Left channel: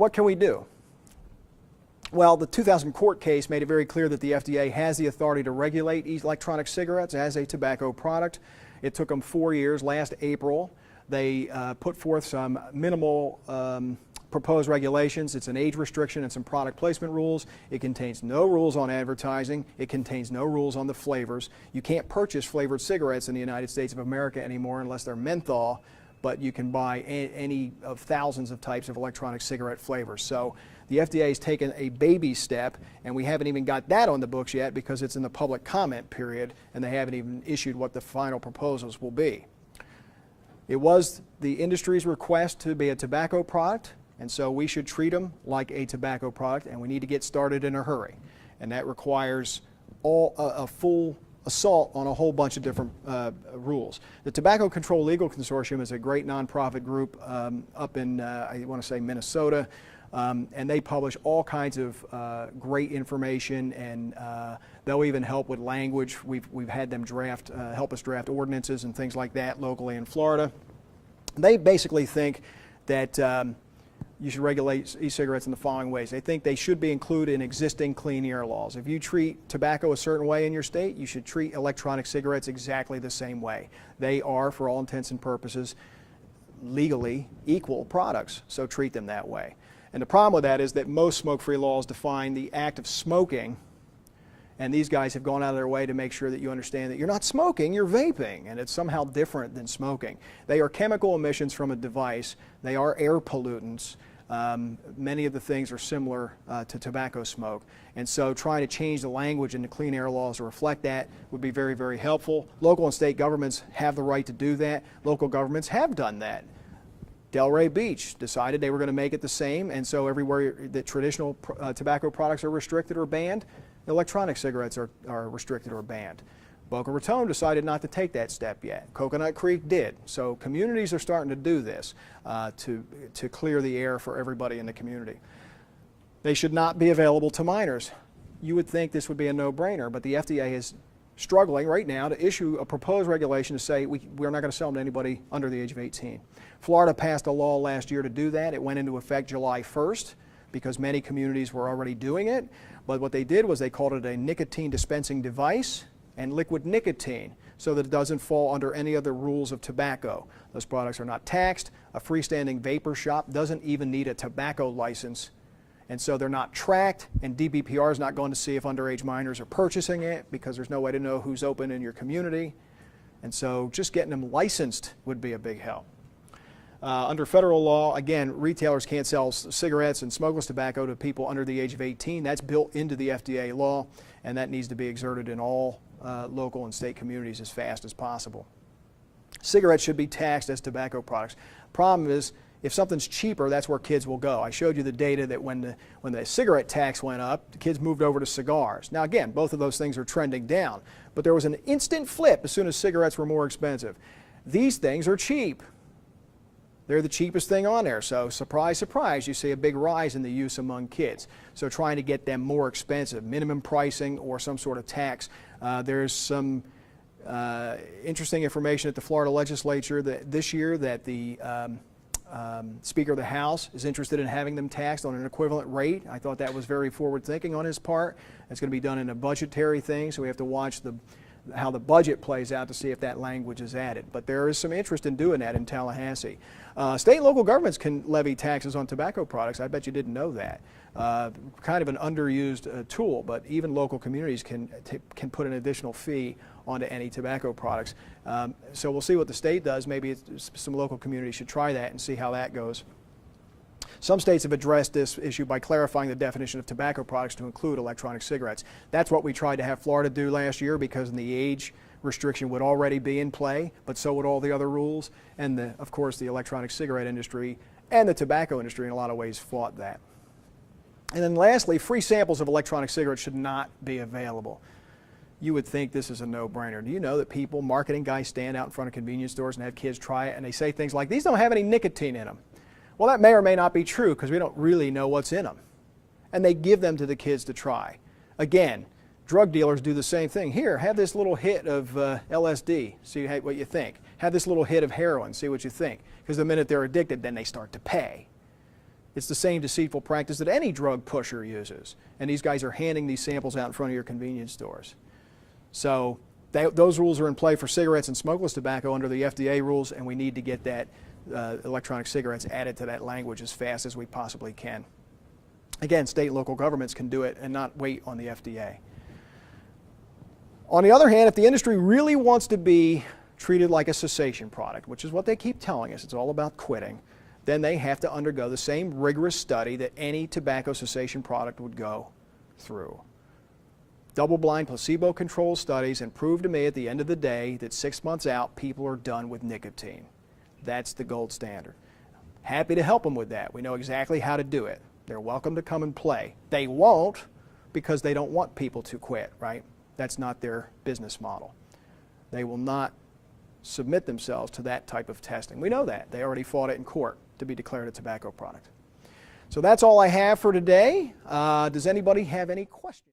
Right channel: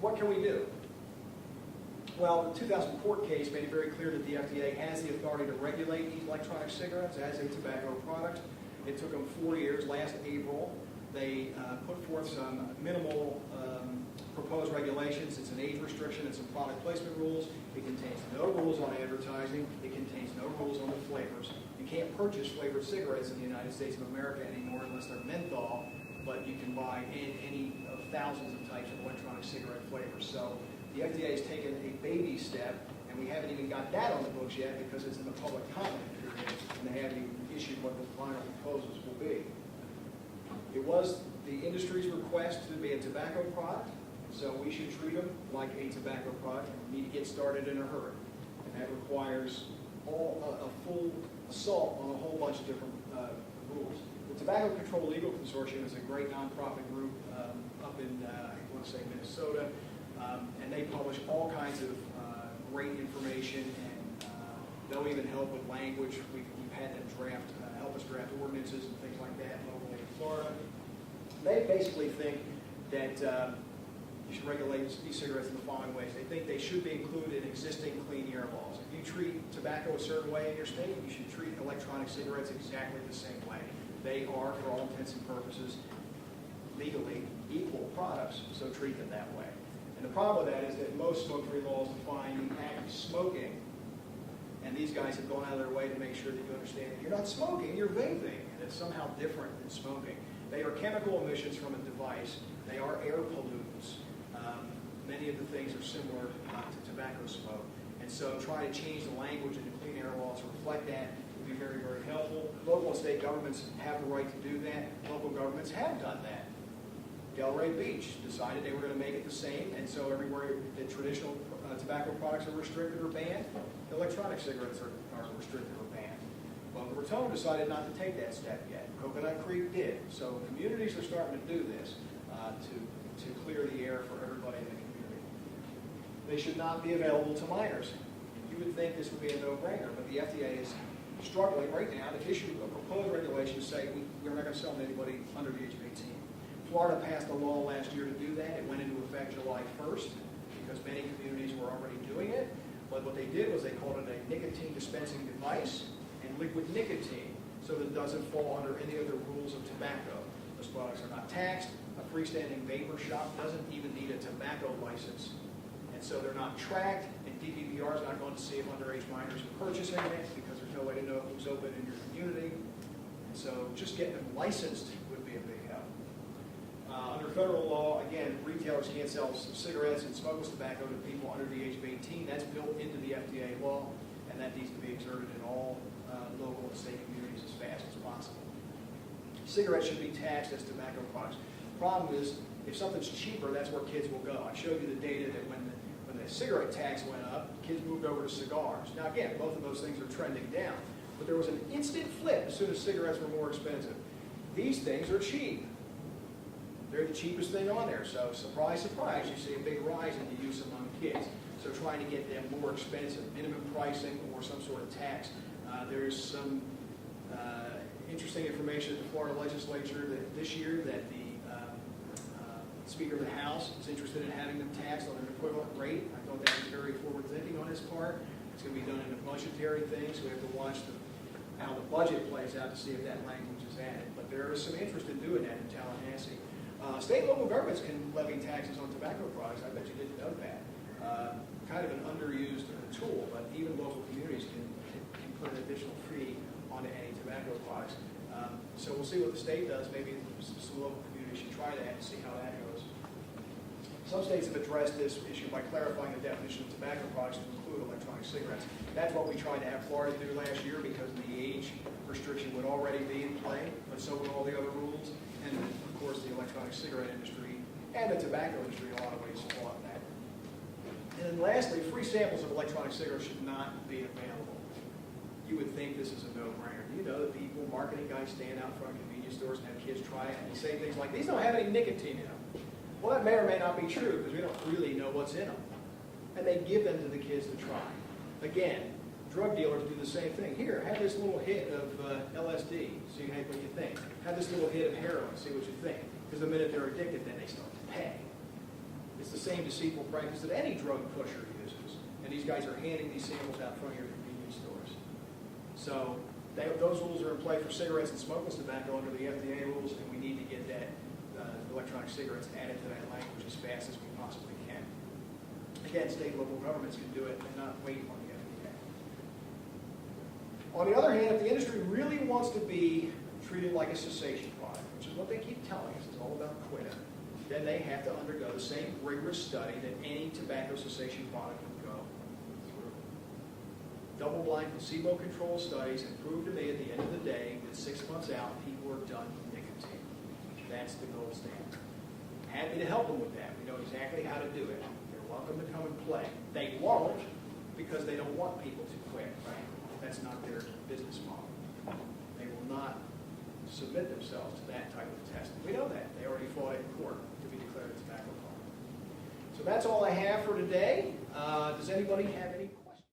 what can we do? Well, the 2000 court case made it very clear that the FDA has the authority to regulate electronic cigarettes as a tobacco product. It took them 4 years. Last April, they put forth some minimal proposed regulations. It's an age restriction and some product placement rules. It contains no rules on advertising. It contains no rules on the flavors. You can't purchase flavored cigarettes in the United States of America anymore unless they're menthol, but you can buy any of thousands of types of electronic cigarette flavors. So the FDA has taken a baby step, and we haven't even got that on the books yet because it's in the public comment period, and they haven't even issued what the final proposals will be. It was the industry's request to be a tobacco product, and so we should treat them like a tobacco product, and we need to get started in a hurry. And that requires a full assault on a whole bunch of different rules. The Tobacco Control Legal Consortium is a great nonprofit group up in, I want to say, Minnesota, and they publish all kinds of great information, and they'll even help with language. We've had them help us draft ordinances and things like that locally in Florida. They basically think that you should regulate e-cigarettes in the following ways. They think they should be included in existing clean air laws. If you treat tobacco a certain way in your state, you should treat electronic cigarettes exactly the same way. They are, for all intents and purposes, legally equal products, so treat them that way. And the problem with that is that most smoke-free laws define the act of smoking, and these guys have gone out of their way to make sure that you understand that you're not smoking, you're vaping, and it's somehow different than smoking. They are chemical emissions from a device. They are air pollutants. Many of the things are similar to tobacco smoke. And so trying to change the language in the clean air laws to reflect that would be very, very helpful. Local and state governments have the right to do that. Local governments have done that. Delray Beach decided they were going to make it the same, and so everywhere that traditional tobacco products are restricted or banned, electronic cigarettes are restricted or banned. Boca Raton decided not to take that step yet. Coconut Creek did. So communities are starting to do this to clear the air for everybody in the community. They should not be available to minors. You would think this would be a no-brainer, but the FDA is struggling right now to issue a proposed regulation to say we're not going to sell them to anybody under the age of 18. Florida passed a law last year to do that. It went into effect July 1st because many communities were already doing it. But what they did was they called it a nicotine dispensing device and liquid nicotine so that it doesn't fall under any other rules of tobacco. Those products are not taxed. A freestanding vapor shop doesn't even need a tobacco license, and so they're not tracked, and DBPR is not going to see if underage minors are purchasing it because there's no way to know who's open in your community. And so just getting them licensed would be a big help. Under federal law, again, retailers can't sell cigarettes and smokeless tobacco to people under the age of 18. That's built into the FDA law, and that needs to be exerted in all local and state communities as fast as possible. Cigarettes should be taxed as tobacco products. Problem is, if something's cheaper, that's where kids will go. I showed you the data that when the cigarette tax went up, the kids moved over to cigars. Now again, both of those things are trending down, but there was an instant flip as soon as cigarettes were more expensive. These things are cheap. They're the cheapest thing on there, so surprise, surprise, you see a big rise in the use among kids. So trying to get them more expensive, minimum pricing or some sort of tax. There's some interesting information at the Florida legislature that this year that the Speaker of the House is interested in having them taxed on an equivalent rate. I thought that was very forward thinking on his part. It's going to be done in a budgetary thing, so we have to watch how the budget plays out to see if that language is added. But there is some interest in doing that in Tallahassee. State and local governments can levy taxes on tobacco products. I bet you didn't know that. Kind of an underused tool, but even local communities can put an additional fee onto any tobacco products. So we'll see what the state does. Maybe some local communities should try that and see how that goes. Some states have addressed this issue by clarifying the definition of tobacco products to include electronic cigarettes. That's what we tried to have Florida do last year because the age restriction would already be in play, but so would all the other rules. And of course, the electronic cigarette industry and the tobacco industry in a lot of ways fought that. And then lastly, free samples of electronic cigarettes should not be available. You would think this is a no-brainer. Do you know that people, marketing guys, stand out in front of convenience stores and have kids try it, and they say things like, these don't have any nicotine in them? Well, that may or may not be true because we don't really know what's in them. And they give them to the kids to try. Again, drug dealers do the same thing. Here, have this little hit of LSD, see what you think. Have this little hit of heroin, see what you think. Because the minute they're addicted, then they start to pay. It's the same deceitful practice that any drug pusher uses. And these guys are handing these samples out in front of your convenience stores. So those rules are in play for cigarettes and smokeless tobacco under the FDA rules, and we need to get that electronic cigarettes added to that language as fast as we possibly can. Again, state and local governments can do it and not wait on the FDA. On the other hand, if the industry really wants to be treated like a cessation product, which is what they keep telling us, it's all about quitting, then they have to undergo the same rigorous study that any tobacco cessation product would go through. Double-blind, placebo-controlled studies, and prove to me at the end of the day that 6 months out, people are done with nicotine. That's the gold standard. Happy to help them with that. We know exactly how to do it. They're welcome to come and play. They won't because they don't want people to quit, right? That's not their business model. They will not submit themselves to that type of testing. We know that. They already fought it in court to be declared a tobacco product. So that's all I have for today. Does anybody have any questions?